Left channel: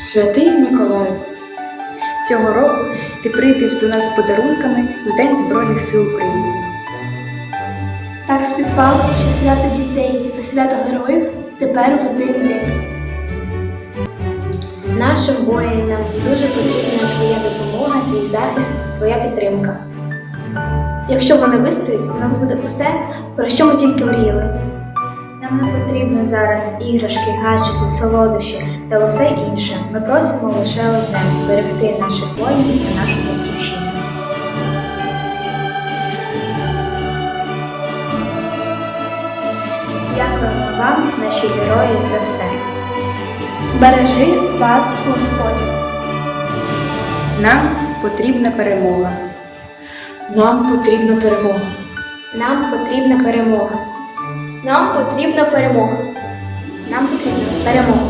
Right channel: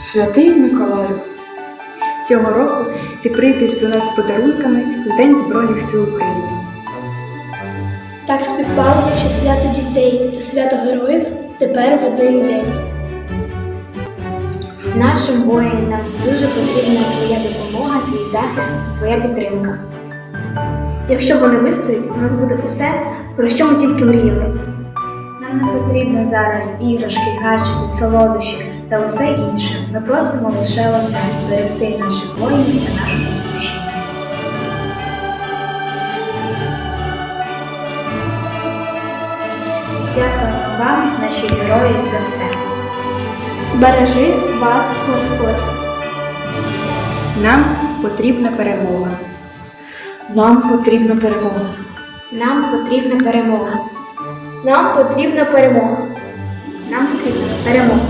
Святий Миколаю, цього року ти прийдеш до нас з подарунками у День Збройних сил України. Так співпало, що свято дітей та свято героїв тепер в один день. Нашим воїнам дуже потрібна твоя допомога, твій захист, твоя підтримка. Якщо вони вистоять, у нас буде усе, про що ми тільки мріяли. Нам не потрібно зараз іграшки, гаджети, солодощі та усе інше. Ми просимо лише одне зберегти наших воїнів та нашу батьківщину. Дякуємо вам, наші герої, за все. Бережи вас, Господь. Нам потрібна перемога. Нам потрібна перемога. Нам потрібна перемога. Нам потрібна перемога. Нам потрібна перемога.